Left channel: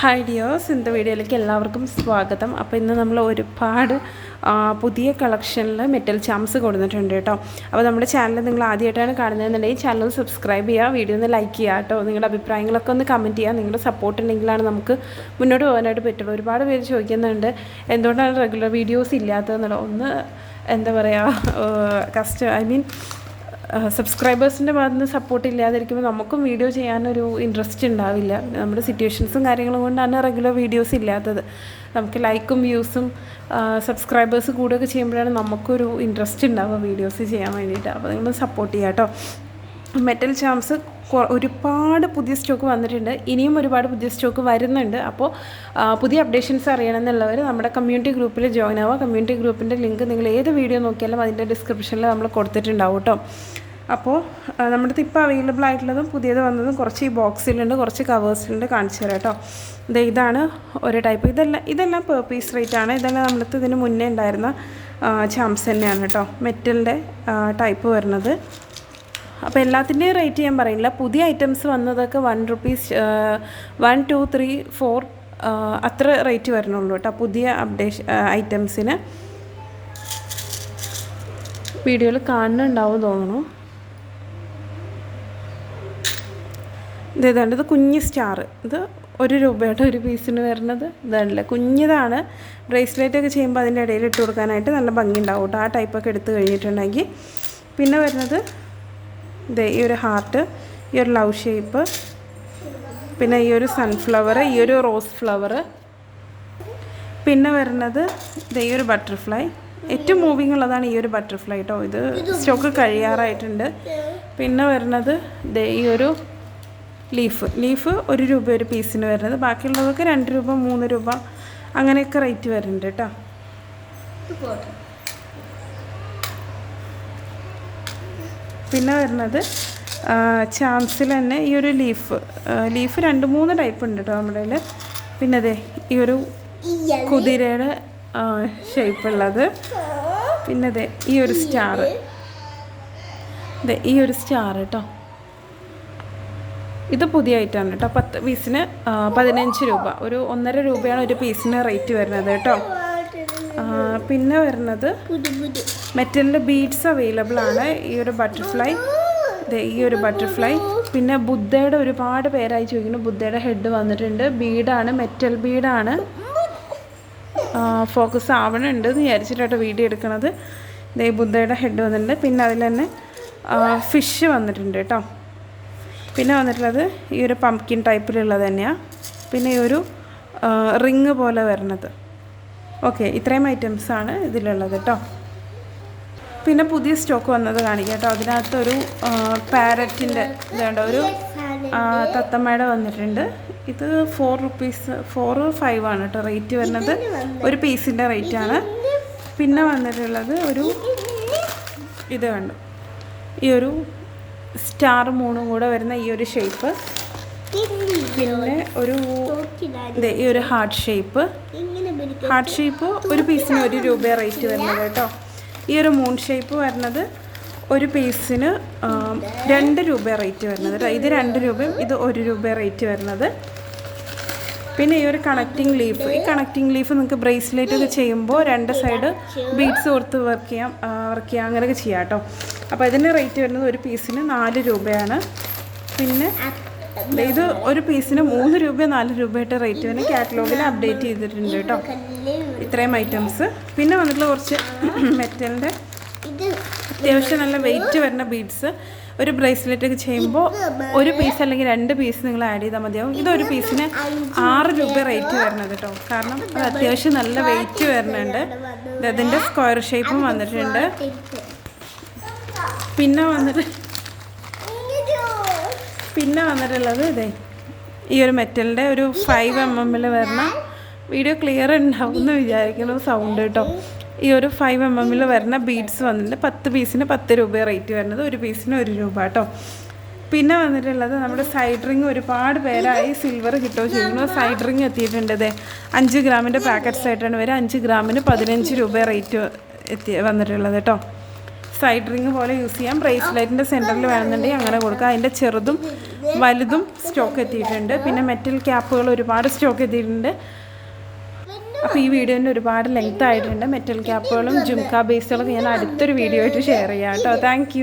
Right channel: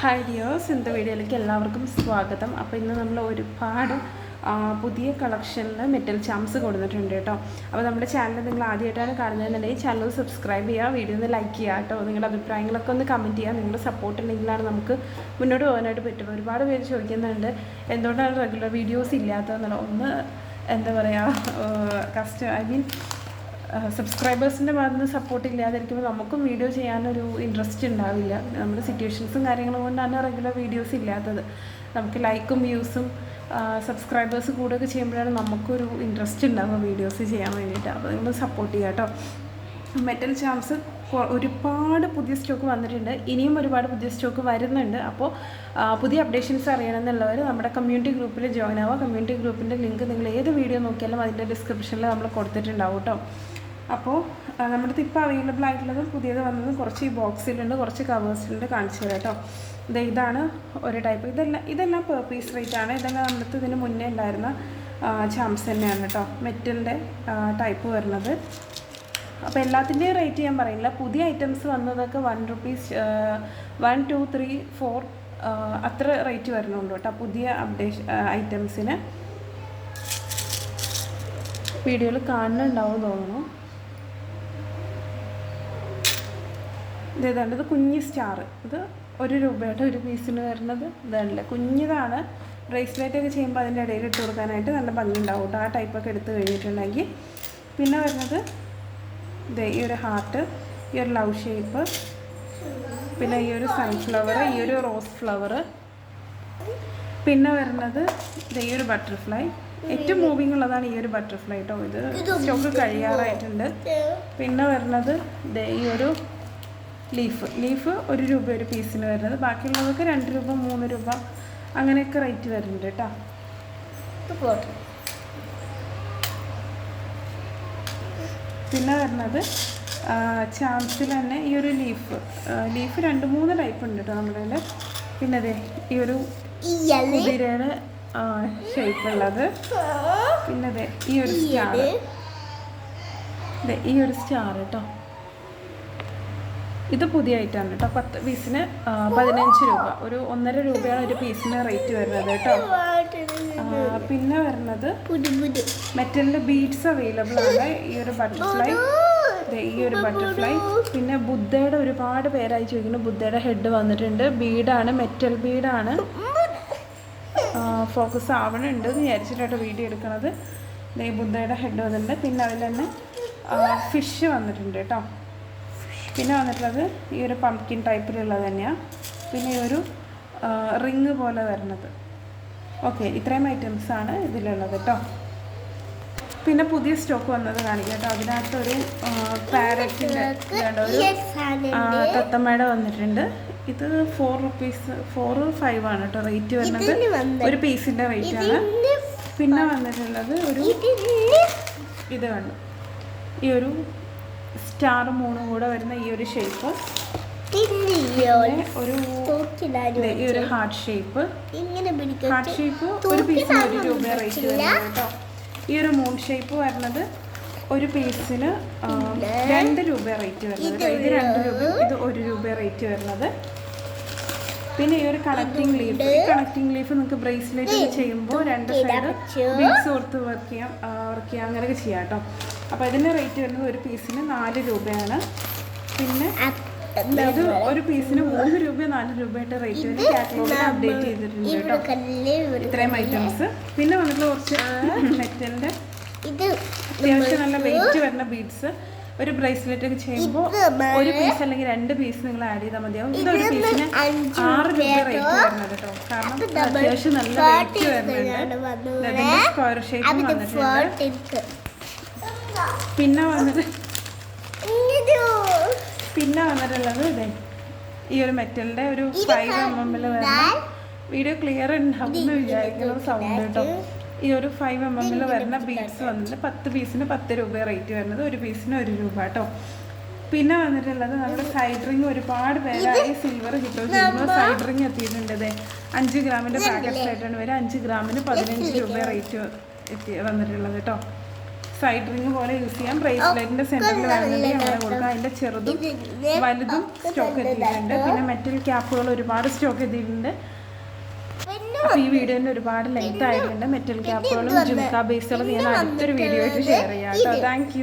Hi dears, ഇന്നത്തെ വീഡിയോയിലേക്ക് എല്ലാവർക്കും സ്വാഗതം. അപ്പോൾ ഇന്ന് നമ്മൾ ഒരുപാട് പുതിയ കളക്ഷനിൽ മെറ്റൽ ചാംസ് കൊടുത്തിട്ടുണ്ട് കേട്ടോ. അപ്പോൾ നമ്മുടെ ചാനൽ നിങ്ങൾ ആദ്യമായിട്ടാണ് കാണുന്നതെന്നുണ്ടെങ്കിൽ ചാനൽ സബ്സ്ക്രൈബ് ചെയ്യുക, വീഡിയോ ഒന്ന് ലൈക്ക് ചെയ്യുക കേട്ടോ. നിങ്ങളുടെ അഭിപ്രായങ്ങളൊക്കെ ഒന്ന് കമൻറ്റ് ചെയ്യുക. നിങ്ങളുടെ സപ്പോർട്ട് ഉണ്ടെങ്കിലാണ് നമുക്ക് മുന്നോട്ട് പോകാനായിട്ട് പറ്റുള്ളൂ. ഒരുപാട് പേര് ചോദിക്കുന്നുണ്ട് എന്തുകൊണ്ടാണ് റെഗുലർ വീഡിയോസ് ഇല്ലാത്തതെന്നുള്ളത്. ഒന്ന് എന്താ പറയുക, സബ്സ്ക്രൈബേഴ്സിൻ്റെ ഭാഗത്ത് നിന്ന് സപ്പോർട്ട് ഇല്ലാതിരിക്കുമ്പോൾ നമുക്കും വീഡിയോ ചെയ്യാനൊരു ഇൻട്രസ്റ്റ് ഉണ്ടാവില്ല. നമ്മുടെ സിറ്റുവേഷൻസും കാര്യങ്ങളും കൊണ്ടാണ് റെഗുലർ വീഡിയോസ് ഇല്ലാത്തത്. നമുക്ക് ലൈക്കും വ്യൂസും സബ്സ്ക്രൈബേഴ്സ് കൂടുകയൊക്കെ ചെയ്യുമ്പോഴാണ് നമുക്കൊരു ഇൻട്രസ്റ്റ് ഉണ്ടാവുക വീഡിയോസ് ചെയ്യാൻ വേണ്ടിയിട്ട്. അപ്പോൾ നിങ്ങൾ സപ്പോർട്ട് ചെയ്യുക കേട്ടോ. മെറ്റൽ ചാംസ് ഒരുപാട് പുതിയ സ്റ്റോക്ക് വന്നിട്ടുണ്ട്. ഇനിയും ഒരുപാട് പുതിയ സ്റ്റോക്ക് വരുന്നുണ്ട്. അപ്പോൾ പുതിയ അപ്ഡേഷൻസ് അറിയണമെന്നുള്ളവർ നമ്മുടെ കമ്മ്യൂണിറ്റി ഗ്രൂപ്പിൽ ജോയിൻ ആവുക. കമ്മ്യൂണിറ്റി ഗ്രൂപ്പിൻ്റെ ലിങ്ക് നിങ്ങൾ ഏത് വീഡിയോ നോക്കിയാലും അതിൻ്റെ ഡിസ്ക്രിപ്ഷനിൽ നമ്മൾ കൊടുത്തിട്ടുണ്ടാവും കേട്ടോ. അപ്പോൾ നമ്മുടെ ഇപ്പോൾ അവൈലബിൾ ആയിട്ടുള്ളതും പുതിയത് വന്നതും കുറച്ച് ഈ ബോക്സിലുണ്ട്, കുറച്ച് കവേഴ്സിലുണ്ട്. കാണിച്ചു തരാം കേട്ടോ. ഇതാണ് ഒരു ടൈപ്പ്. ഇതെല്ലാം പെർ പീസ് റേറ്റ് ആണ്. ഇതെല്ലാം നമ്മുടെ ഇതിന് മുന്നേ ഉണ്ടായിരുന്ന ചാംസ് തന്നെയാണ് കേട്ടോ, മെറ്റലിൻ്റെ ടൈപ്പ് വരുന്നത്. അപ്പോൾ എല്ലാത്തിൻ്റെയും റേറ്റ് ഞാൻ പറയില്ല. പുതിയ ഐറ്റംസ് വന്നതൊക്കെ ₹1, 1, 2, 3, 4 അത്ര റേറ്റ് വരണുള്ളൂ കേട്ടോ പുതിയ ഐറ്റംസിന്. വീഡിയോയിൽ കാണുന്നുണ്ടാവും തോന്നുന്നു. ഇതേതാണ്ട് ഇത് കുഞ്ഞ് സ്റ്റാർ. ഇത് ₹1 ഒരു പീസിന് വരുന്നത്. ഇതാണല്ലേ, കുഞ്ഞിതാണ്. ബ്രേസ്ലെറ്റൊക്കെ ചെയ്യുമ്പോൾ അതിൻ്റെ ഇടയിൽ ഇട്ട് കൊടുക്കാനായിട്ട് നല്ല ഭംഗി ഉണ്ടാവും കേട്ടോ, ആ ടൈപ്പൊക്കെ എടുത്ത് കഴിഞ്ഞിട്ടുണ്ടെങ്കിൽ. പിന്നെ വരുന്നത് ഈ ഒരു ഹാർട്ട്, ഈ ഒരു ലവ് ഷേപ്പ്, പിന്നെ ഈ ഒരു സൺഫ്ലവർ, ഈ ഒരു റോസ് ഫ്ലവർ, പിന്നെ വരുന്നത് ഈ ഒരു ബട്ടർഫ്ലൈ. ഏറ്റവും മൂവിങ് ഉള്ളതാണ് ഈ ഒരു ബട്ടർഫ്ലൈ കേട്ടോ. ഇത് സ്റ്റോക്ക് കഴിയാറായിട്ടുണ്ട്. പിന്നെ വരുന്നത് ഈ ഒരു ലീഫ് ₹1 ഒരു പീസിന് വരുന്നത്. ബാക്കിയുള്ളതൊക്കെ ₹2, ₹3 അങ്ങനെയൊക്കെ റേറ്റ് വരുന്നുണ്ട് കേട്ടോ. പിന്നെ വരുന്നത് ചാംസിൽ തന്നെ ഈ ഒരു ലീഫ് 2-3 ടൈപ്പ് ഉണ്ട് കേട്ടോ നമ്മുടെ കയ്യിൽ. പിന്നെ അതെ ഈ ഒരു കുതിരയുടെ ഷേപ്പുള്ളത്. പിന്നെ അതെ ഈ ഒരു സ്റ്റാർ, ഈ ഒരു സ്റ്റാർ കേട്ടോ. ഇത് പുതിയ ഐറ്റമാണ് കേട്ടോ. 10 പീസിന് ₹15, ഒരു ₹1.5 ഒരു പീസിന് റേറ്റ് വരുന്നത് കേട്ടോ. പിന്നെ വരുന്നത് മെറ്റലിൻ്റെ ബീഡ്സ് അവൈലബിൾ ആണ്. ഈ ഒരു ബട്ടർഫ്ലൈ, ഈ ഒരു ബട്ടർഫ്ലൈ. പിന്നെ ബുദ്ധയുടെ ഒരുപാട് പേരായി ചോദിക്കുന്നു. ബുദ്ധയുടെ ഹെഡ് വന്നിട്ടുണ്ട്. ബീഡാണ്, മെറ്റൽ ബീഡാണ്. ഫോക്കസ് ആവണുണ്ട് എന്ന് വിചാരിച്ചിട്ടോ വീഡിയോ എടുക്കുന്നത്. ഈ ബുദ്ധയുടെ ഹെഡ് വന്നിട്ടുണ്ട്. പിന്നെ അതിൽ തന്നെ ഫിഷ് വന്നിട്ടുണ്ട് കേട്ടോ. പിന്നെ വന്നിട്ടുള്ളത് ഈ ഒരു പംകിൻ ടൈപ്പിലുള്ളത് തന്നെയാണ്. പിന്നെ ഈ ഒരു റിങ് പോലെ വരുന്നത്. ഓക്കെ, ഇത്രയും ഐറ്റംസാണ് ഇതിലുള്ളത് കേട്ടോ. പിന്നെ പുതിയ സ്റ്റോക്ക് വന്നത് കാണിക്കാം കേട്ടോ. അതിനകത്തൊരു പാരറ്റിൻ്റെ ഇതുണ്ട്, ഒരു തത്തമ്മയുടെ വന്നിട്ടുണ്ട്. ഇത് ₹4, 5 ആണ് കേട്ടോ റേറ്റ് വരുന്നത്. ഒരു പീസിൻ്റെ റേറ്റാണ്. പിന്നെ വന്നിട്ടുള്ളത് ഒരു ഇത് കണ്ടു, ഈ ഒരു സ്റ്റാർ മൂണും കൂടെ വരുന്ന ഈ ഒരു ഷേപ്പ്. പിന്നെ ഈ ഒരു ഹാർട്ട് ഷേപ്പ് ഒരു പീസിന് ₹1 റേറ്റ് വരുന്നത് കേട്ടോ. ഈ ഒരു മൂൺ ഷേപ്പ് വരുന്നത് ഒരു പീസിന് ₹2 റേറ്റ് വരുന്നത് കേട്ടോ. ഇത് ₹2, ഇത് ₹1 റേറ്റ് വരുന്നത്. പിന്നെ ഈ ഒരു കണക്റ്റിംഗ് ലീഫ്, ഈ കണക്റ്റിംഗ് ലീഫ് നിങ്ങൾക്ക് ബ്രേസ്ലെറ്റ് ഒക്കെ ചെയ്യുമ്പോൾ 2 സൈഡ് ബീഡ്സ് കൊടുത്ത് വർക്ക് ചെയ്യാം അങ്ങനെയൊക്കെ ചെയ്യാം കേട്ടോ. അപ്പോൾ ഇതിൻ്റെ റേറ്റ് വരുന്നത് ഒരു പീസിന് ₹4 പിന്നെ ഇത് ഒരു പീസിന് ₹3, ₹4 റേറ്റ് വരുന്നത്. കാറ്റലോഗിൽ അപ്ഡേറ്റ് ചെയ്തിട്ടുണ്ട് കേട്ടോ ഇത്രയും ഐറ്റംസ്. പിന്നെ വന്നിട്ടുള്ള കുറച്ച് മെറ്റലിൻ്റെ അത്യാവശ്യം നല്ല വെയിറ്റ് വരുന്ന ബീഡ്സ്. ഒരു ബ്രേസ്ലെറ്റ് ഒക്കെ ചെയ്യുമ്പോൾ ഒരു പീസ് അല്ലെങ്കിൽ 2 പീസ് നിങ്ങൾ ആഡ് ചെയ്താൽ മതിയാവും. ഇതൊരു പീസിന് ₹6 റേറ്റ് വരുന്നത് കേട്ടോ. കാരണം അത്യാവശ്യം നല്ല വെയിറ്റ് വരുന്നുണ്ട്. അതിൻ്റെ സ്ക്വയർ ഷേപ്പും വന്നിട്ടുണ്ട്. പിന്നെ വന്നിട്ടുള്ളത് ഈ ഒരു മെറ്റലിൻ്റെ ഒരു 5 mm വരുന്ന, വീഡിയോ ക്ലിയർ ഉണ്ടാവും എന്ന് വിചാരിക്കുന്ന സൗണ്ട് കേട്ടോ. ഈ ഒരു 5 mm വരുന്ന ബീഡ്സ് വന്നിട്ടുണ്ട്. 10 പീസിന് ₹10 റേറ്റ് വരുന്നത്. ഒരു പീസിന് ₹1 കേട്ടോ. പിന്നെ വന്നിട്ടുള്ളത് നമ്മുടെ സൈഡ് റിങ്. ഒരുപാട് പേരായി സിൽവർ കിട്ടോ ചെയ്യുന്നു. സൈഡ് റിങ് എത്തിയിട്ടുണ്ട്. 5 ഗ്രാമിൻ്റെ പാക്കറ്റ്സ് ആയിട്ടാണ് വരിക. 5 ഗ്രാമിന് ₹15 റേറ്റ് വന്നിട്ടുള്ളത് കേട്ടോ. സൈഡ് റിങ് പോലെ യൂസ് ചെയ്യാം. ബ്രേസ്ലെറ്റിൻ്റെ സെൻറ്ററിൽ വേണമെന്നുണ്ടെങ്കിൽ അങ്ങനെ കൊടുക്കാം. അതിൻ്റെ ചെറുതും വലുതും സ്റ്റോക്ക് എത്തിയിട്ടുണ്ട്. പിന്നെ മെറ്റൽ ക്യാപ്പുകൾ ഒരുപാട് സ്റ്റോക്ക് എത്തിയിട്ടുണ്ട്. അപ്പോൾ ഈ വീഡിയോൻ്റെ ഒരുപാട് ലെങ്ത് ആയിട്ടുണ്ട്. മെറ്റൽ ക്യാപ്പുകളും ജുംക്ക ബേസുകളും ഞാൻ അടുത്തൊരു വീഡിയോ ആയിട്ട് ഷെയർ ചെയ്യാം കേട്ടോ. താങ്ക്